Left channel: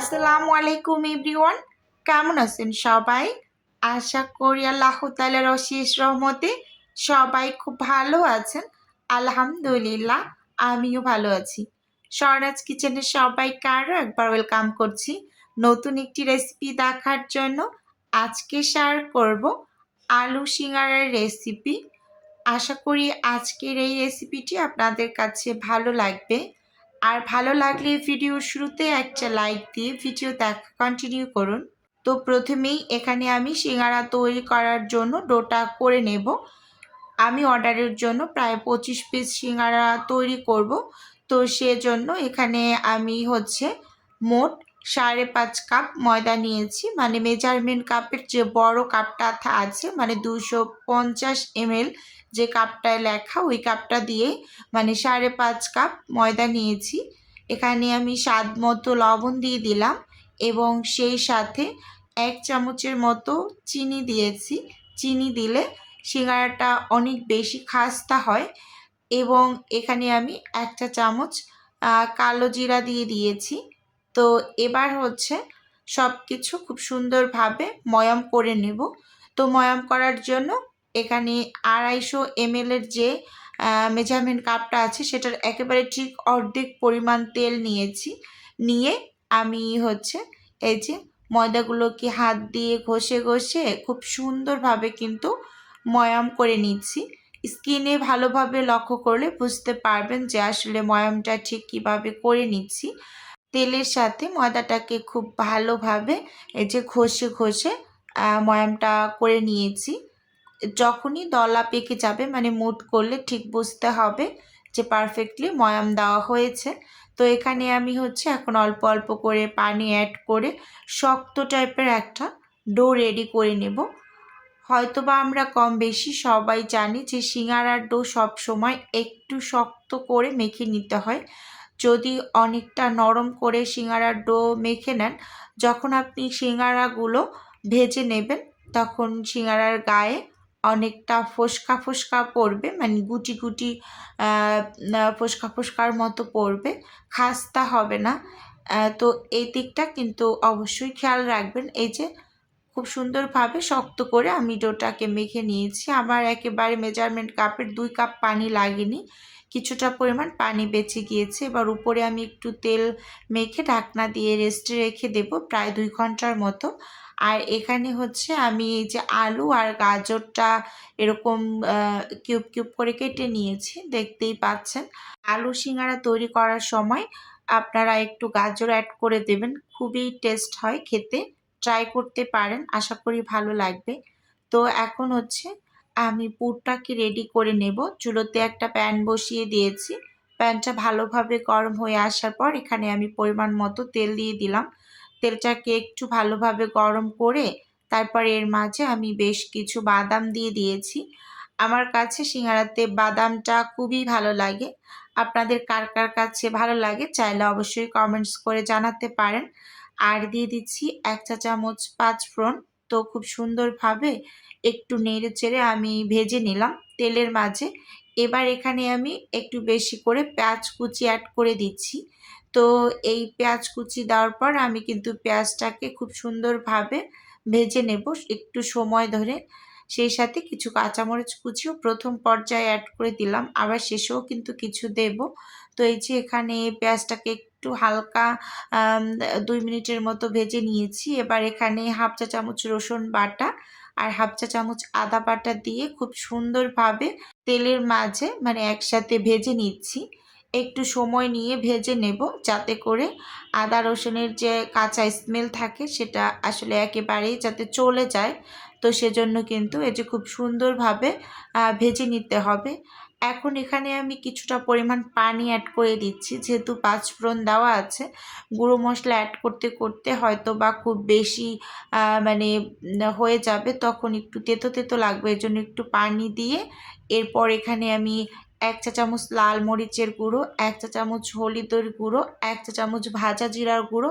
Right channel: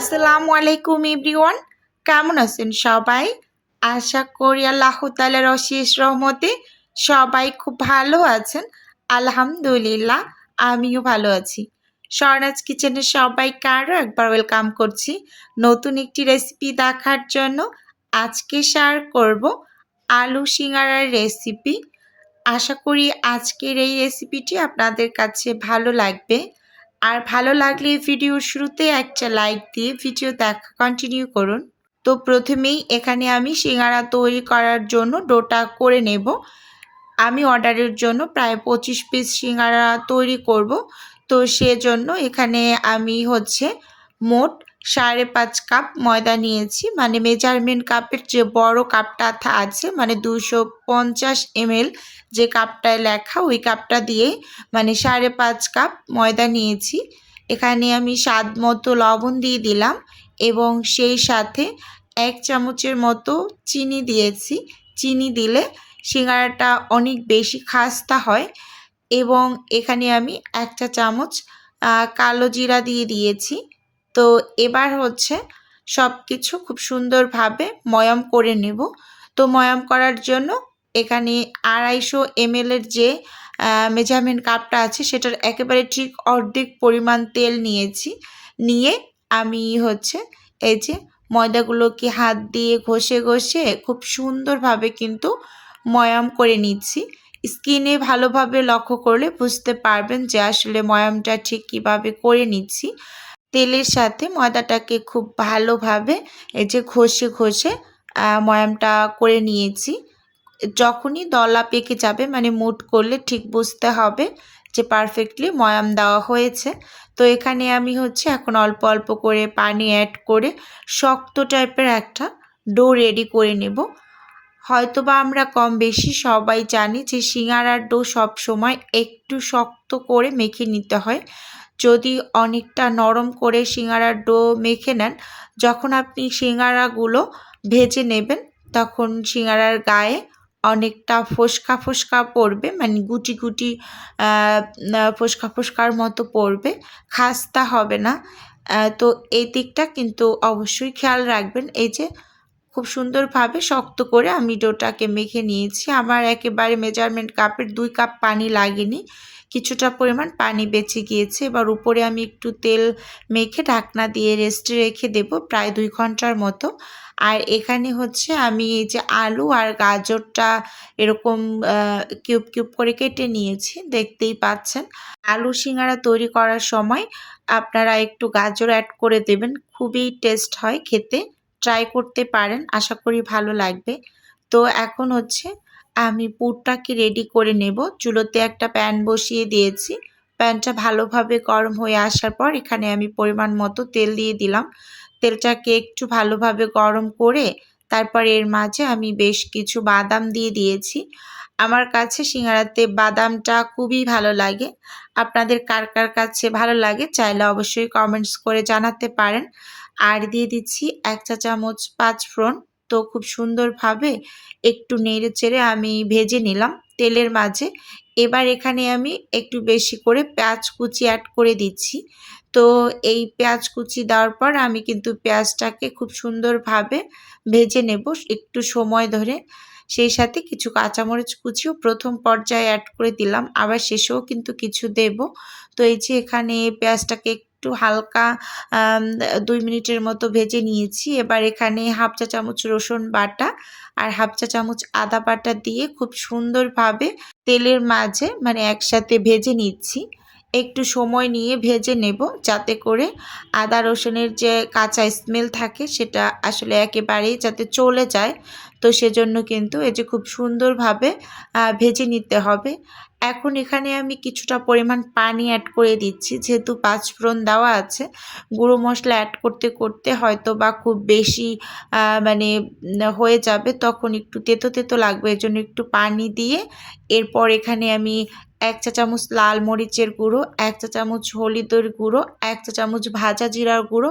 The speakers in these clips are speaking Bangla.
আসসালামু আলাইকুম এভরিওয়ান, কেমন আছেন সবাই? আশা করি আল্লাহ তাআলার অশেষ রহমতে সবাই খুব ভালো আছেন। আলহামদুলিল্লাহ, আমিও ভালো আছি। স্বর্ণাজ কিচেনে সবাইকে আরও একবার ওয়েলকাম করছি নতুন একটি রেসিপি দেখার জন্য। আজকে শেয়ার করব আলু সিঙ্গারার রেসিপি। আশা করি আজকের এই রেসিপিটি আপনাদের কাছে ভালো লাগবে। আর ভালো লাগলে ভিডিওর শুরুতে একটা লাইক দিয়ে ভিডিও দেখা কন্টিনিউ করুন। তো প্রথমেই এখানে আমি সিঙ্গারা তৈরি করার জন্য ডোটা করে নেব। আমি অর্ডারের জন্য প্রায় 25 পিস সিঙ্গারা তৈরি করব। তো সেজন্য এখানে আমি মোট 5.5 কাপ ময়দা নিয়েছি। মানে মেজারমেন্ট কাপের যে বড় কাপটা আছে, মানে 250 ml যে কাপটায় লেখা, ওই কাপটা দিয়ে মানে 5.5 কাপ ময়দা নিয়েছি। এখানে আমি স্বাদ মতো লবণ দিয়ে দিলাম এবং সেই সাথে 1 চামচের মতো চিনি দিয়েছি। চিনি দিলে সিঙ্গারাটা অনেক বেশি খাস্তা হয়। এবং এখানে আমি 1 চা চামচ কালো জিরা দিয়ে দিয়েছি। তো এবার সব কিছু খুব সুন্দরভাবে ময়াম করে নেব। তো ময়াম করার জন্য এখানে 250 ml এর যে মেজারমেন্ট কাপটা আছে সেটার একেবারে ঠিক অর্ধেক পরিমাণ তেল নিয়েছি। নিয়ে আমি এই যে ময়দাগুলোকে হাত দিয়ে ঘষে ঘষে খুব সুন্দরভাবে কিন্তু ময়াম করে নিচ্ছি। স্কিনে ভালোভাবে লক্ষ্য করলে বুঝতে পারবেন যে আসলে ময়ামটা ঠিক কীভাবে করে নিচ্ছি। তেলের সাথে ময়দাটাকে খুব ভালোভাবে এই যে ঘষে ঘষে ময়ামটা করে নিয়েছি। যখনই দলা পেকে যাবে, মানে মুঠ করলে ঠিক বুঝতে হবে যে পারফেক্টলি ময়াম দেওয়া হয়েছে। তো এখানে আমি এখন অল্প অল্প করে পানি অ্যাড করে শক্ত টাইপের একটা ডো রেডি করে নেব। হয়তোবা আমরা কম বেশি সবাই জানি যে সিঙ্গারার ডো সবসময় একটু শক্ত করে মেখে নিতে হয়। যদি অনেকটা নরম করে সিঙ্গারার ডো মেখে নেন, যখন আপনি সিঙ্গারাগুলো ভেজে নেবেন তখন সিঙ্গারার গায়ে অনেকটা ফোস্কা ফোস্কা পড়বে, মানে গুটি গুটি ফোস্কা ফোস্কার মতো পড়বে, খাস্তা হবে না। তো এই দিকটা কিন্তু অবশ্যই খেয়াল রাখবেন। এই যে খুব সুন্দরভাবে শক্ত করে আমি ডোটাকে মেখে নিয়েছি। আমার একেবারে মেজারমেন্ট কাপের 2 কাপ পানি লাগেনি, কিছুটা পরিমাণ পানি বেঁচে গিয়েছে। এবার উপরে আমি একটু তেল মেখে ঢাকনা দিয়ে রেস্টে রেখে দেব প্রায় 2 ঘন্টার মতো। আর এখানে আমি এই যে আলু আর গাজরটা এরকম কিউব কিউব করে কেটে নিয়েছি, দেখতেই পাচ্ছেন। আলু সিঙ্গারা তৈরি করার সময় আপনারা একটু গাজর অ্যাড করে দেবেন, খুবই টেস্ট হয় খেতে। ট্রাই করতে পারেন, আশা করি ভালো লাগবে। তো এখন আমি পুরটাকে রেডি করে নেব। চুলোতে একটা প্যান বসিয়ে দিয়েছি। প্যানটা ভালোভাবে গরম হয়ে আসার পর এখানে আমি পরিমাণ মতো তেল দিয়ে দিলাম। তেলটাকে একটু ভালোভাবে গরম করে তারপর এর মাঝে আমি বেশ কিছু বাদাম দিয়ে দিয়েছি। আমার কাছে সিঙ্গারাতে বাদামটা খুবই ভালো লাগে। আপনাদের কার কার কাছে ভালো লাগে চাইলে অবশ্যই কমেন্টস করে জানাতে পারেন। আর দিয়ে দিচ্ছি 1 চা চামচ পাঁচফোড়ন। তো খুব সুন্দরভাবে একটু নেড়ে চেড়ে আমি ভেজে নিলাম তেলের মাঝে। এবার এখানে আমি একটু বেশি করে পেঁয়াজ কুচি অ্যাড করে দিচ্ছি। তো এই পেঁয়াজ কুচি দেওয়ার পর আমি কিন্তু পেঁয়াজটাকে খুব সুন্দরভাবে ভেজে নেব একটু সময় ধরে। সেই সাথে কিছু কাঁচামরিচ কুচিও প্রথম পর্যায়ে অ্যাড করে দিলাম, আবার শেষেও কিন্তু কিছু দেব। তো এই যে এখানে পেঁয়াজটাকে একটু হালকা 2 মিনিটের মতো ভেজে নিয়েছি। এবার এখানে 1/2 চা চামচ রসুন বাটা আর 1/2 চা চামচ আদা বাটা দিয়ে খুব সুন্দরভাবে তেলের মাঝে মানে একসাথে ভেজে নিচ্ছি। একটু সময় নিয়ে ভেজে নেব যাতে করে আদা রসুনের যে কাঁচা স্মেল থাকে সেটা আসলে একেবারেই যাতে চলে যায়। তো সেজন্য কিন্তু এই যে খুব সুন্দরভাবে ভেজে নিতে হবে। এখন এখানে আমি কিছুটা পরিমাণ পানি অ্যাড করে দিচ্ছি, যেহেতু পাঁচফোড়ন দেওয়া আছে। গুঁড়ো মশলা অ্যাড করতে করতে হয়তো বা খুব বেশি মানে হয়ে যাবে, তখন একটু তেতো তেতো লাগবে, এজন্য একটু পানি দিয়ে এরপর এখানে আমি 1 চা চামচ লাল মরিচের গুঁড়ো, 1 চা চামচ হলুদের গুঁড়ো, 1 চা চামচ ভাজা জিরার গুঁড়ো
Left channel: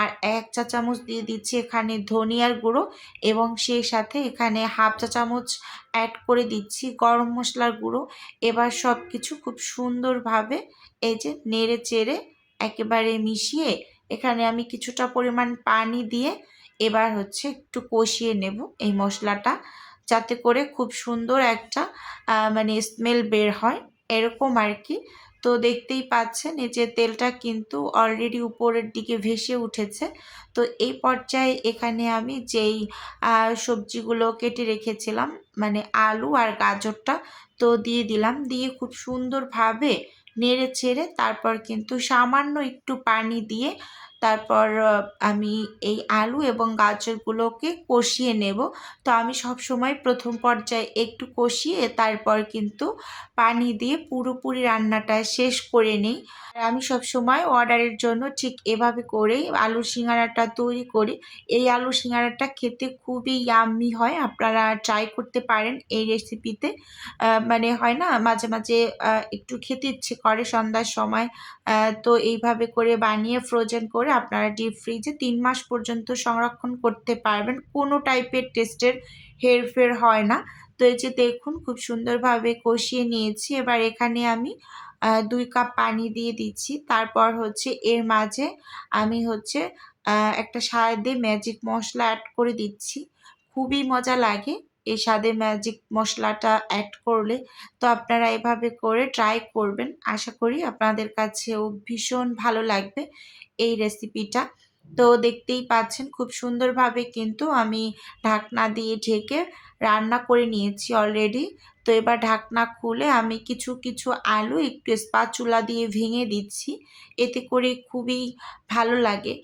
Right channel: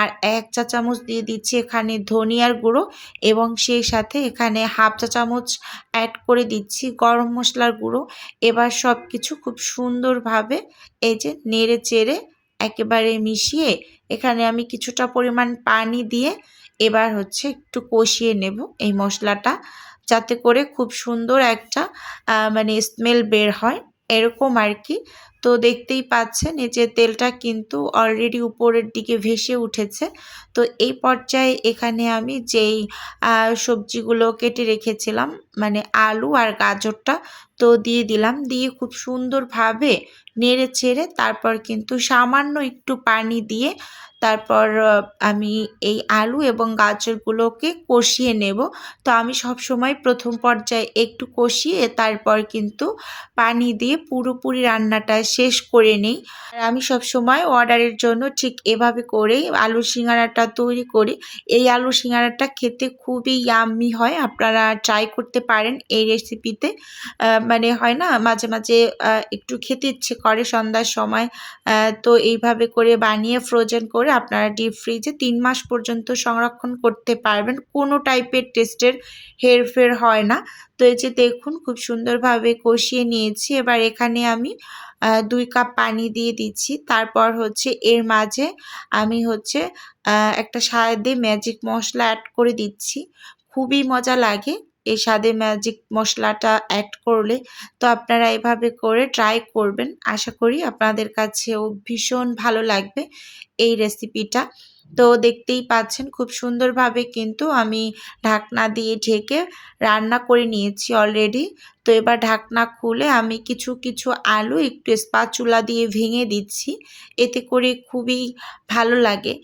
আর 1 চা চামচ দিয়ে দিচ্ছি এখানে ধনিয়ার গুঁড়ো এবং সেই সাথে এখানে 1/2 চা চামচ অ্যাড করে দিচ্ছি গরম মশলার গুঁড়ো। এবার সব কিছু খুব সুন্দরভাবে এই যে নেড়ে চেড়ে একেবারে মিশিয়ে এখানে আমি কিছুটা পরিমাণ পানি দিয়ে এবার হচ্ছে একটু কষিয়ে নেব এই মশলাটা, যাতে করে খুব সুন্দর একটা মানে স্মেল বের হয়, এরকম আর কি। তো দেখতেই পাচ্ছেন এই যে তেলটা কিন্তু অলরেডি উপরের দিকে ভেসে উঠেছে। তো এই পর্যায়ে এখানে আমি যেই সবজিগুলো কেটে রেখেছিলাম, মানে আলু আর গাজরটা, তো দিয়ে দিলাম। দিয়ে খুব সুন্দরভাবে নেড়ে চেড়ে তারপর কিন্তু সামান্য একটু পানি দিয়ে তারপর আমি এই আলু এবং গাজরগুলোকে কষিয়ে নেব। তো আমি সবসময় প্রথম পর্যায়ে একটু কষিয়ে তারপর কিন্তু পানি দিয়ে পুরোপুরি রান্নাটা শেষ করে নিই। আর আমি সবসময় অর্ডারের জন্য ঠিক এভাবে করেই আলুর সিঙ্গারাটা তৈরি করি। এই আলুর সিঙ্গারাটা খেতে খুবই ইয়াম্মি হয়। আপনারা ট্রাই করতে পারেন এই রেসিপিতে। মানে হয় না মাঝে, মাঝে একটু খেতে ইচ্ছে করে সন্ধ্যার সময়। তো এইভাবে করে বানিয়ে ফ্রোজেন করে আপনারা ডিপ ফ্রিজে ৩ মাস পর্যন্ত সংরক্ষণ করতে পারবেন। কোনো টাইপের টেস্টের হেরফের হয় না। তো এই যে দেখুন খুব সুন্দরভাবে কষিয়ে নিয়েছি। এবার এখানে আমি ২ কাপ পানি দিয়ে দিচ্ছি। তারপর হচ্ছে এর মাঝে আমি হচ্ছে একটা স্বাদে ম্যাজিক মসলা অ্যাড করে দিচ্ছি। খুবই মজা লাগে এই স্বাদে ম্যাজিক মশলাটা অ্যাড করলে। তো আপনারা এভাবে করে ট্রাই করবেন। আশা করি আপনাদের কাছেও ভীষণ ভালো লাগবে এই রেসিপিটা। তো দেখতেই পাচ্ছেন খুব সুন্দরভাবে কিন্তু আমি ঢাকনা দিয়ে ঢেকে রান্না করে নিয়েছি অলরেডি। তো এবার ঢাকনা খুলে আমি কিছু, কিছু আলু একটু স্প্যাচুলা দিয়ে ভেঙে দিচ্ছি। এতে করে খুবই ভালো লাগে।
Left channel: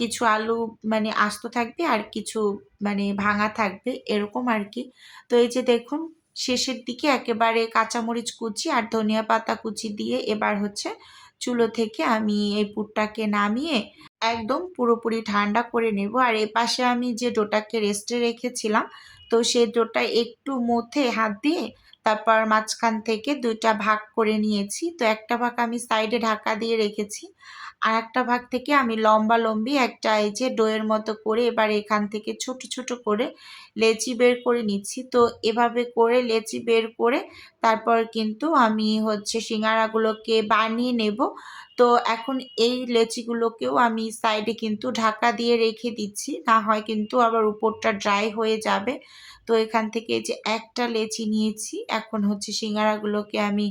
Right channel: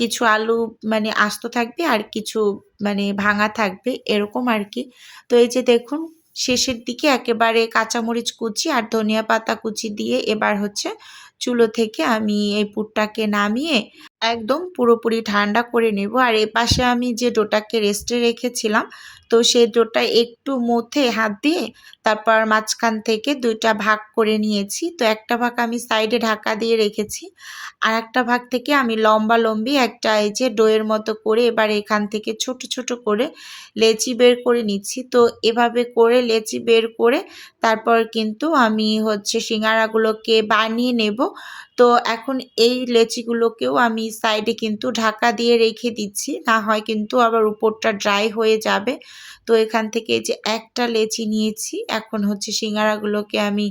কিছু আলু মানে আস্ত থাকবে আর কিছু মানে ভাঙা থাকবে, এরকম আর কি। তো এই যে দেখুন শেষের দিকে একেবারে কাঁচামরিচ কুচি আর ধনিয়া পাতা কুচি দিয়ে এবার হচ্ছে চুলো থেকে আমি এই পুরটাকে নামিয়ে একদম পুরোপুরি ঠান্ডা করে নেব। আর এপাশে আমি যে ডোটাকে রেস্টে রেখেছিলাম, তো সেই ডোটা একটু মথে হাত দিয়ে তারপর মাঝখান থেকে ২ টা ভাগ করে নিয়েছি। তো একটা ভাগ আমি সাইডে ঢাকা দিয়ে রেখেছি। আরেকটা ভাগ থেকে আমি লম্বালম্বি একটা এই যে ডোয়ের মতো করে এবার এখান থেকে ছোট, ছোট করে লেচি বের করে নিচ্ছি। তো এভাবে করে লেচি বের করে তারপর কিন্তু আমি হচ্ছে সিঙ্গারাগুলোকে বানিয়ে নেব। তো এখন এই লেচিগুলোকেও আমি সাইডে কিন্তু ঢাকা দিয়ে রেখে দিচ্ছি। না হয় কিন্তু আবার উপরটা ড্রাই হয়ে যাবে। তো এখান থেকে এই যে একটা লেচি নিয়েছি, এখন হচ্ছে সিঙ্গারাগুলোকে আমি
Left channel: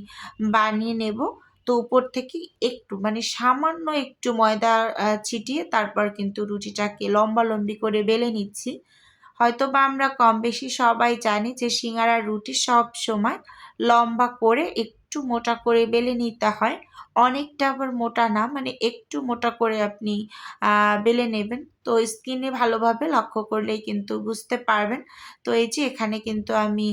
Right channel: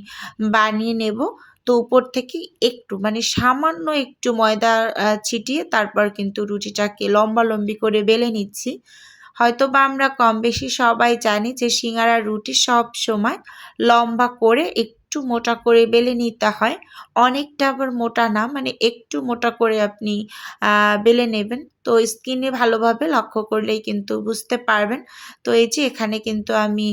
বানিয়ে নেব। তো উপর থেকে একটু মানে সামান্য একটু ময়দা ছিটিয়ে তারপর কিন্তু রুটিটাকে লম্বালম্বি করে বেলে নিচ্ছি। হয়তোবা আমরা কম বেশি সবাই জানি যে সিঙ্গারার রুটি সবসময় লম্বা করে একটু মোটা করে বেলে নিতে হয়। অনেকটা আবার মোটা না, মানে একটু মোটা করে আপনি বেলে নেবেন। তো স্কিনে ভালোভাবে লক্ষ্য করলেই কিন্তু বুঝতে পারবেন। তো এই যে এখানে কিন্তু আমি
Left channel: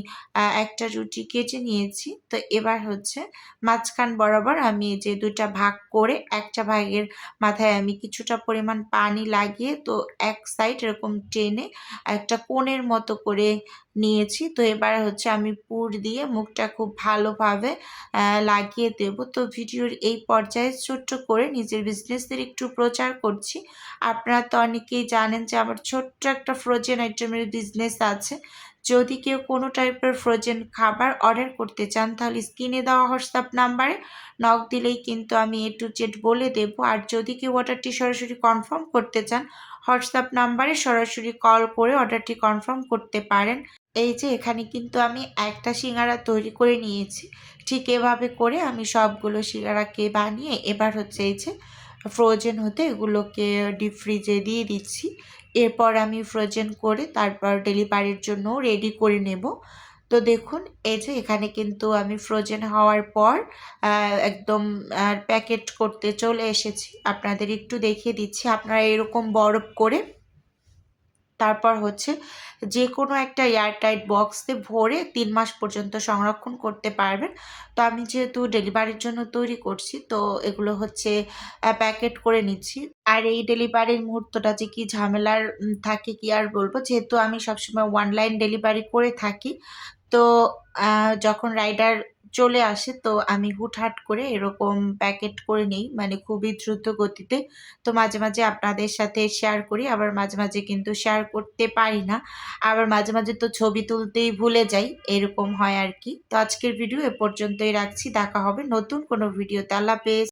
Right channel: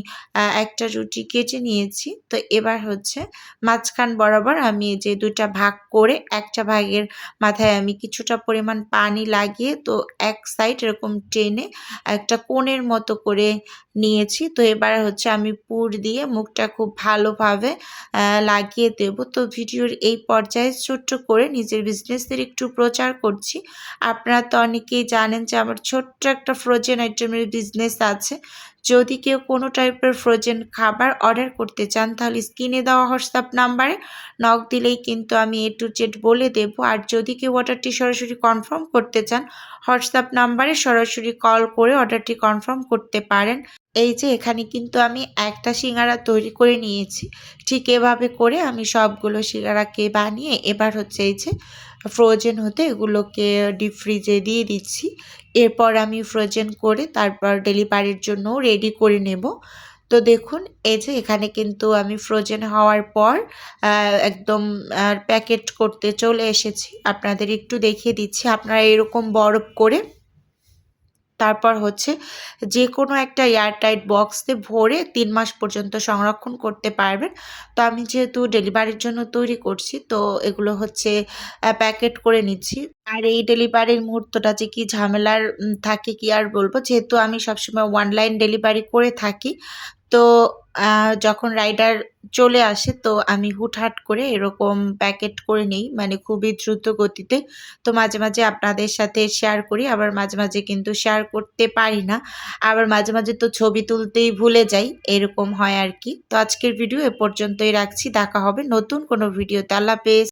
একটা রুটি কেটে নিয়েছি। তো এবার হচ্ছে মাঝখান বরাবর আমি এই যে ২ টা ভাগ করে একটা ভাগের মাথায় আমি কিছুটা পরিমাণ পানি লাগিয়ে তো এক সাইড এরকম টেনে একটা কোণের মতো করে নিয়েছি। তো এবার হচ্ছে আমি পুর দিয়ে মুখটা খুব ভালোভাবে লাগিয়ে দেব। তো ভিডিওর এই পর্যায়ে ছোট্ট করে নিজের বিজনেসের একটু প্রচার করছি। আপনারা তো অনেকেই জানেন যে আমার ছোট্ট একটা ফ্রোজেন আইটেমের বিজনেস আছে। যদি কেউ কোনো টাইপের ফ্রোজেন খাবার অর্ডার করতে চান তাহলে স্ক্রিনে দেওয়া হোয়াটসঅ্যাপ নাম্বারে নক দিলেই কিন্তু আমি A to Z বলে দেব। আর যদি কেউ অর্ডারটি সরাসরি কনফার্ম করতে চান হোয়াটসঅ্যাপ নাম্বারে সরাসরি কল করে অর্ডারটি কনফার্ম করতে পারেন। এই যে এখানে কিন্তু আমি একটা সিঙ্গারা তৈরি করে নিয়েছি। ঠিক এভাবে করে আমি সবগুলো সিঙ্গারাকে বানিয়ে এবার হচ্ছে এই যে ফ্রোজেন হতে এগুলোকে ডিপ ফ্রিজে দিয়ে দিচ্ছি। এরপর আমি ফ্রোজেন করে তারপর ডেলিভারির জন্য রেডি করে নেব। তো দেখুন এই যে এখানে কিন্তু আমি ফ্রোজেন হওয়ার পর একদম প্যাকেট করতে চলে এসেছি। আপনাদের একটু দেখিয়ে দিচ্ছি। আপনারা এরকম বরফ করে তারপর হচ্ছে যেকোনো একটা এয়ারটাইট বক্সে ভরে ৩ মাস পর্যন্ত সংরক্ষণ করতে পারবেন। তো আমি যেহেতু ডেলিভারির জন্য তৈরি করছি, তো এগুলো হচ্ছে প্যাকেট করে নিচ্ছি। আর এই ডেলিভারির মুহূর্তটা যে কি ঝামেলার থাকে কি আর বলব। যেহেতু আমি সবসময় অনলাইন ডেলিভারি করে থাকি। তো যখন রাইডার চলে আসে তো আমি হুটহাট করে এরকম প্যাকেট করে নেই, মানে খুবই দ্রুত গতিতে। তো মাঝে, মাঝে আপনাদের সাথে শেয়ার করি, আবার মাঝে, মাঝে কিন্তু শেয়ার করতে পারি না। আবার মাঝে, মাঝে তো ছবি তুলতেই ভুলে যাই, এরকম হয় আর কি। তো আজকের ভিডিও এ পর্যন্তই রাখছি। দেখা হবে নতুন কোনো ভিডিওতে। আল্লাহ হাফেজ।